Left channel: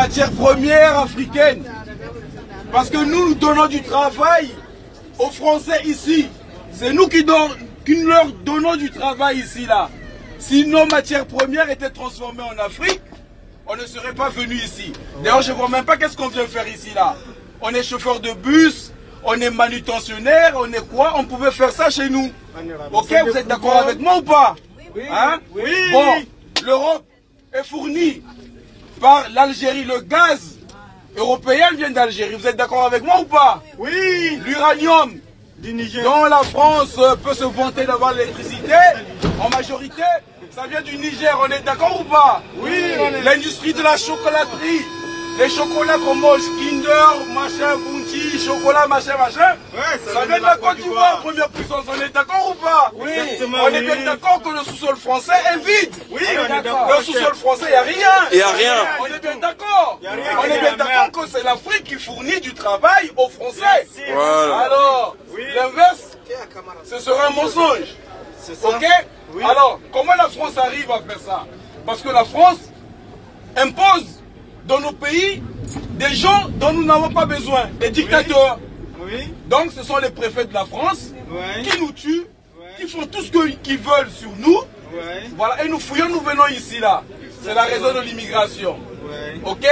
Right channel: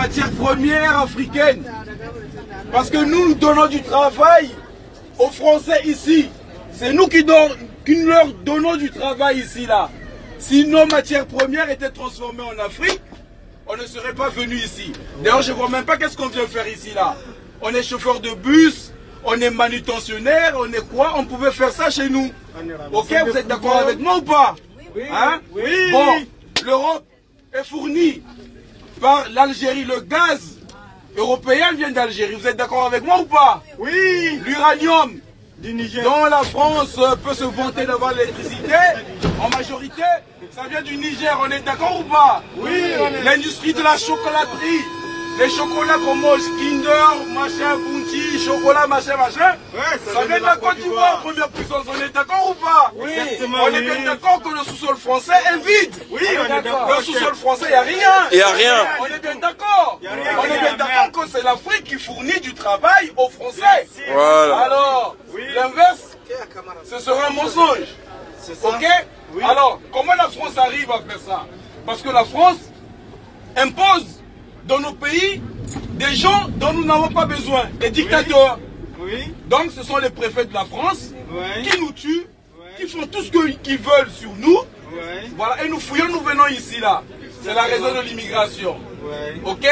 matières premières africaines. Parce que nous donnons du travail aux Français ici. C'est nous qui leur donnons du travail ici, là. Si nos matières premières étaient transformées en Afrique, on ne serait pas venu ici. D'ailleurs, je ne vois même pas qu'est-ce qu'on vient faire ici, là. On est chauffeur de bus, on est manutentionnaire, on est quoi? On pouvait faire ça chez nous. Ok, vous êtes d'accord avec moi ou pas? Hein? Oui. Bon, l'Europe est fournie par l'Algérie. Le gaz européen vient d'Algérie. Vous êtes d'accord avec moi ou pas? Oui. L'uranium dont la France peut se vanter d'avoir l'électricité, en majorité, ça vient du Niger. On est d'accord ou pas? Oui. L'industrie de la chocolaterie, les chocolats qu'on mange, Kinder, machin, Bounty, chocolat, machin, ça vient de la Côte d'Ivoire, première puissance. On est d'accord ou pas? Oui. On est bien d'accord que le sous-sol français est vide. Oui, on est d'accord. Dans le sous-sol français, il n'y a rien. Il n'y a rien. On est bien d'accord. On est bien d'accord que c'est l'Afrique qui fournit du travail aux Français. Voilà. Alors, l'inverse, ce serait un mensonge. Ok? Alors, comment la France arrive à faire ça? Parce que la France impose dans nos pays des gens dont nous n'avons pas besoin, des dictateurs. Oui. Donc ce sont les préfets de la France qui nous tuent, qui font tout ce qu'ils veulent sur nous. Voilà, et nous fouillons, nous venons ici là. C'est la raison de l'immigration. Ok?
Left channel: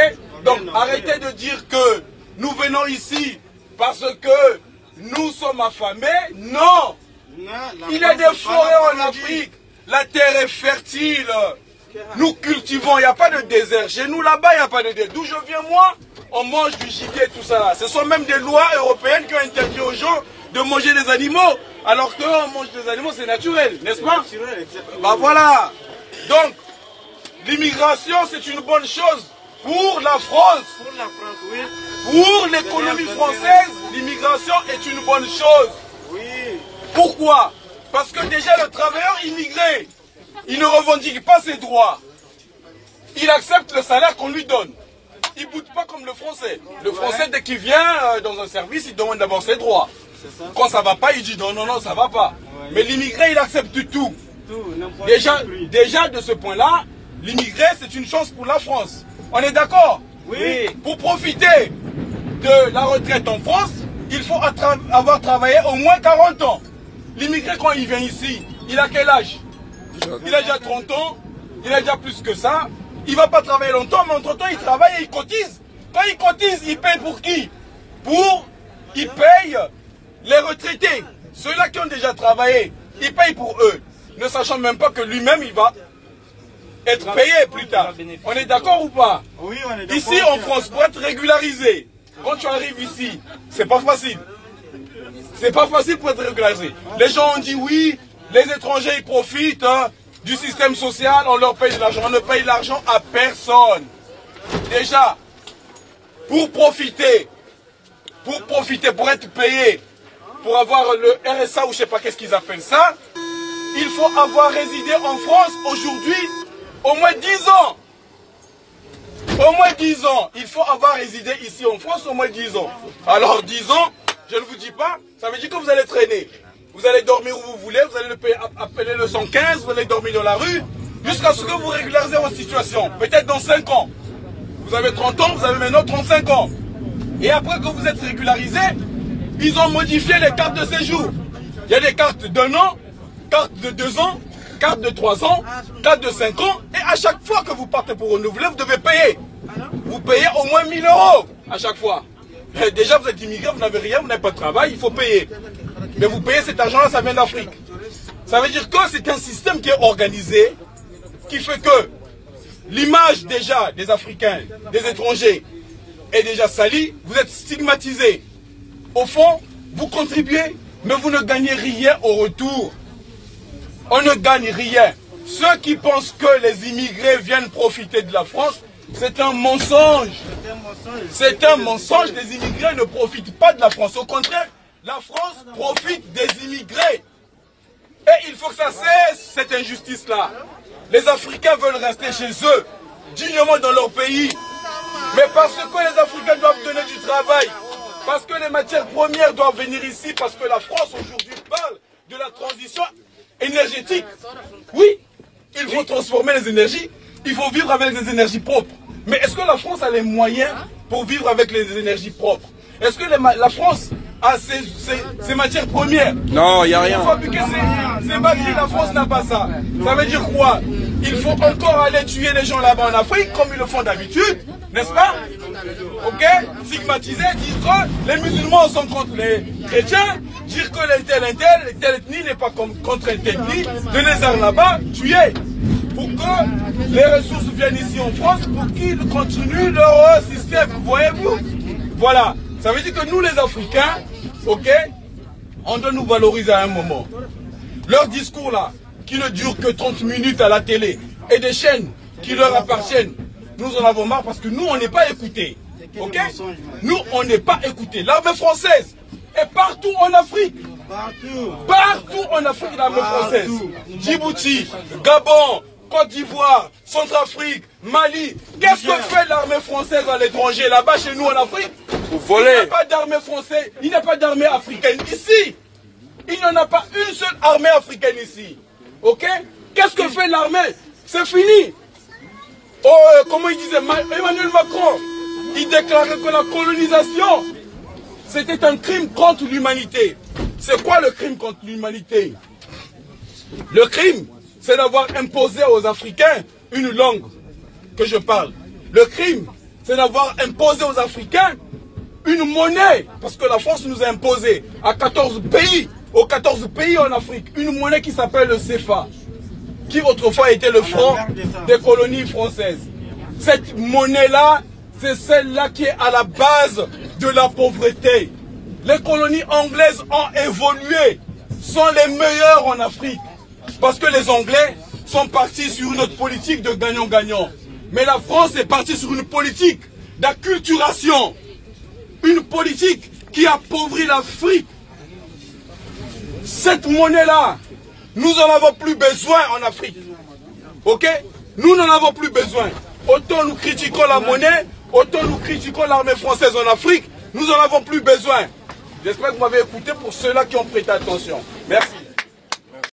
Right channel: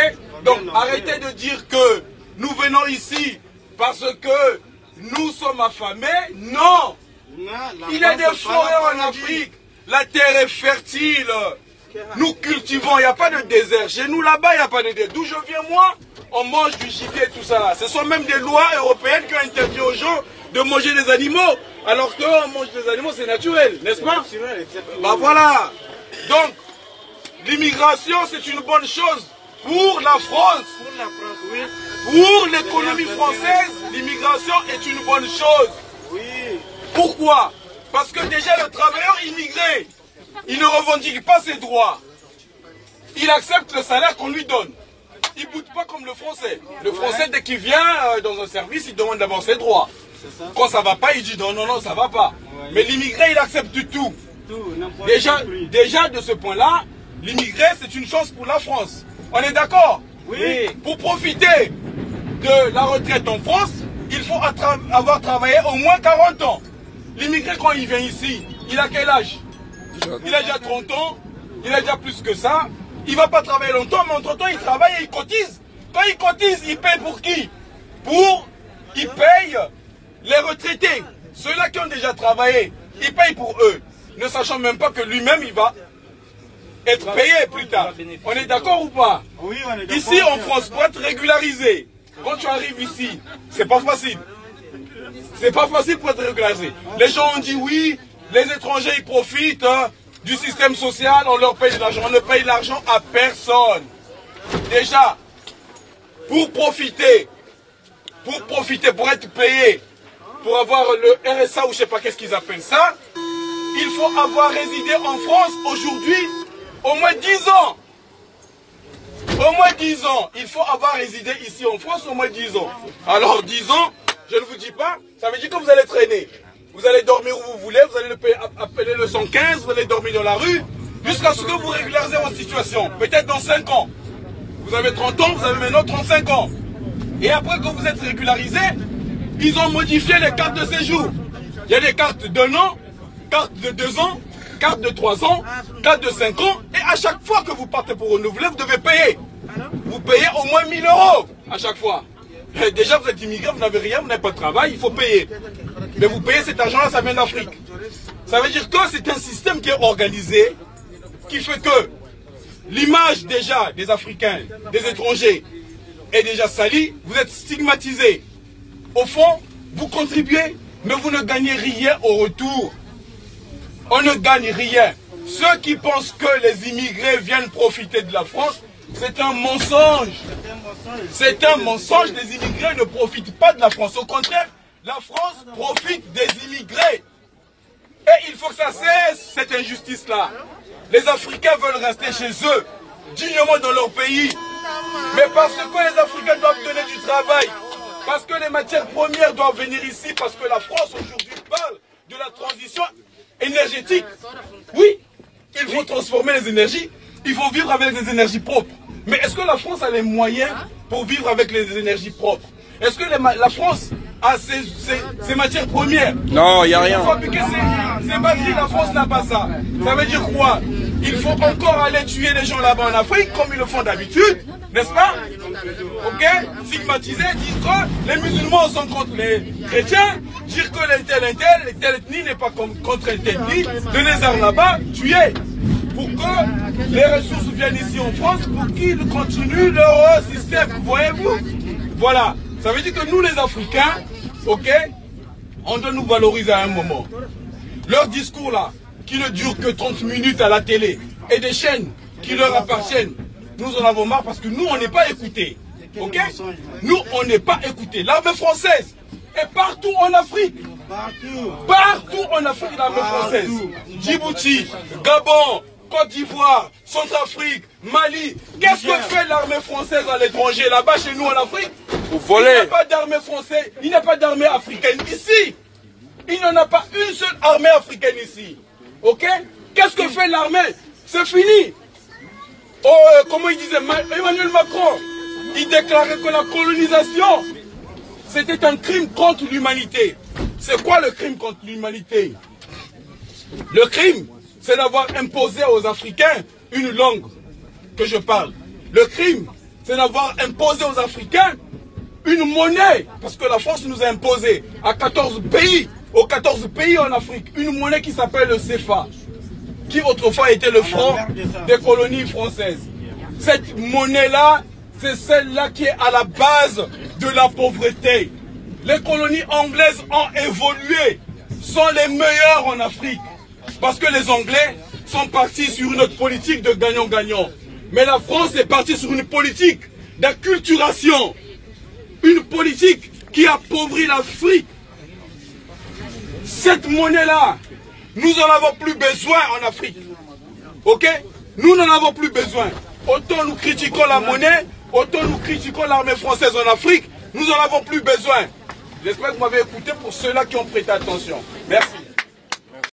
Donc arrêtez de dire que nous venons ici parce que nous sommes affamés. Non! Il y a des forêts en Afrique. La terre est fertile. Nous cultivons, il n'y a pas de désert. Chez nous, là-bas, il n'y a pas de désert. D'où je viens, moi, on mange du gibier, tout ça. Ce sont même des lois européennes qui ont interdit aux gens de manger des animaux. Alors que on mange des animaux, c'est naturel, n'est-ce pas? Bah voilà. Donc, l'immigration, c'est une bonne chose pour la France. Pour l'économie française, l'immigration est une bonne chose. Pourquoi? Parce que déjà, le travailleur immigré, il ne revendique pas ses droits. Il accepte le salaire qu'on lui donne. Il ne boude pas comme le Français. Le Français, dès qu'il vient dans un service, il demande d'abord ses droits. Quand ça ne va pas, il dit non, non, non, ça ne va pas. Mais l'immigré, il accepte tout. Déjà, de ce point-là, l'immigré, c'est une chance pour la France. On est d'accord? Oui. Pour profiter de la retraite en France, il faut avoir travaillé au moins 40 ans. L'immigré, quand il vient ici, il a quel âge? Il a déjà 30 ans, il a déjà plus que ça. Il ne va pas travailler longtemps, mais entre-temps, il travaille et il cotise. Quand il cotise, il paye pour qui? Il paye les retraités. Ceux-là qui ont déjà travaillé, il paye pour eux. Ne sachant même pas que lui-même, il va être payé plus tard. On est d'accord ou pas? Oui, on est d'accord. Ici, en France, pour être régularisé, quand tu arrives ici, c'est pas facile. C'est pas facile pour être régularisé. Les gens ont dit oui. Les étrangers, ils profitent du système social, on leur paye de l'argent. On ne paye l'argent à personne. Déjà, pour profiter, pour être payé, pour avoir le RSA ou je ne sais pas qu'est-ce qu'ils appellent ça, il faut avoir résidé en France aujourd'hui au moins 10 ans. Au moins 10 ans. Il faut avoir résidé ici en France au moins 10 ans. Alors 10 ans, je ne vous dis pas, ça veut dire que vous allez traîner. Vous allez dormir où vous voulez, vous allez appeler le 115, vous allez dormir dans la rue, jusqu'à ce que vous régularisez votre situation. Peut-être dans 5 ans. Vous avez 30 ans, vous avez maintenant 35 ans. Et après que vous êtes régularisé, ils ont modifié les cartes de séjour. Il y a des cartes d'1 an, cartes de 2 ans, cartes de 3 ans, cartes de 5 ans. Et à chaque fois que vous partez pour renouveler, vous devez payer. Vous payez au moins 1000 € à chaque fois. Déjà, vous êtes immigré, vous n'avez rien, vous n'avez pas de travail, il faut payer. Mais vous payez cet argent-là, ça vient d'Afrique. Ça veut dire que c'est un système qui est organisé, qui fait que l'image déjà des Africains, des étrangers, est déjà salie. Vous êtes stigmatisés. Au fond, vous contribuez, mais vous ne gagnez rien au retour. On ne gagne rien. Ceux qui pensent que les immigrés viennent profiter de la France, c'est un mensonge. C'est un mensonge. Les immigrés ne profitent pas de la France. Au contraire, la France profite des immigrés. Et il faut que ça cesse, cette injustice-là. Les Africains veulent rester chez eux, dignement dans leur pays. Mais parce que les Africains doivent donner du travail, parce que les matières premières doivent venir ici, parce que la France aujourd'hui parle de la transition énergétique. Oui, il faut transformer les énergies, il faut vivre avec des énergies propres. Mais est-ce que la France a les moyens pour vivre avec les énergies propres? Est-ce que la France a ses matières premières? Non, il n'y a rien. Pour fabriquer ces batteries, la France n'a pas ça. Ça veut dire quoi? Il faut encore aller tuer les gens là-bas en Afrique, comme ils le font d'habitude, n'est-ce pas? Ok? Stigmatiser, dire que les musulmans sont contre les chrétiens, dire que telle ethnie n'est pas contre telle ethnie, de les armes là-bas, tuer. Pour que les ressources viennent ici en France, pour qu'ils continuent leur système, voyez-vous? Voilà. Ça veut dire que nous les Africains, ok, on doit nous valoriser à un moment. Leur discours là, qui ne dure que 30 minutes à la télé, et des chaînes qui leur appartiennent, nous en avons marre parce que nous on n'est pas écoutés. Ok? Nous on n'est pas écoutés. L'armée française est partout en Afrique. Partout en Afrique, l'armée française. Djibouti, Gabon, Côte d'Ivoire, Centrafrique, Mali. Qu'est-ce que fait l'armée française à l'étranger, là-bas chez nous en Afrique? Vous volez. Il n'y a pas d'armée française, il n'y a pas d'armée africaine ici. Il n'y en a pas une seule armée africaine ici. Ok? Qu'est-ce que fait l'armée? C'est fini. Oh, comment il disait Emmanuel Macron? Il déclarait que la colonisation, c'était un crime contre l'humanité. C'est quoi le crime contre l'humanité? Le crime, c'est d'avoir imposé aux Africains une langue que je parle. Le crime, c'est d'avoir imposé aux Africains une monnaie, parce que la France nous a imposé à 14 pays, aux 14 pays en Afrique, une monnaie qui s'appelle le CFA, qui autrefois était le franc des colonies françaises. Cette monnaie-là, c'est celle-là qui est à la base de la pauvreté. Les colonies anglaises ont évolué, sont les meilleures en Afrique, parce que les Anglais sont partis sur une autre politique de gagnant-gagnant. Mais la France est partie sur une politique d'acculturation, une politique qui appauvrit l'Afrique. Cette monnaie-là, nous n'en avons plus besoin en Afrique. Ok? Nous n'en avons plus besoin. Autant nous critiquons la monnaie, autant nous critiquons l'armée française en Afrique, nous n'en avons plus besoin. J'espère que vous m'avez écouté pour ceux-là qui ont prêté attention. Merci.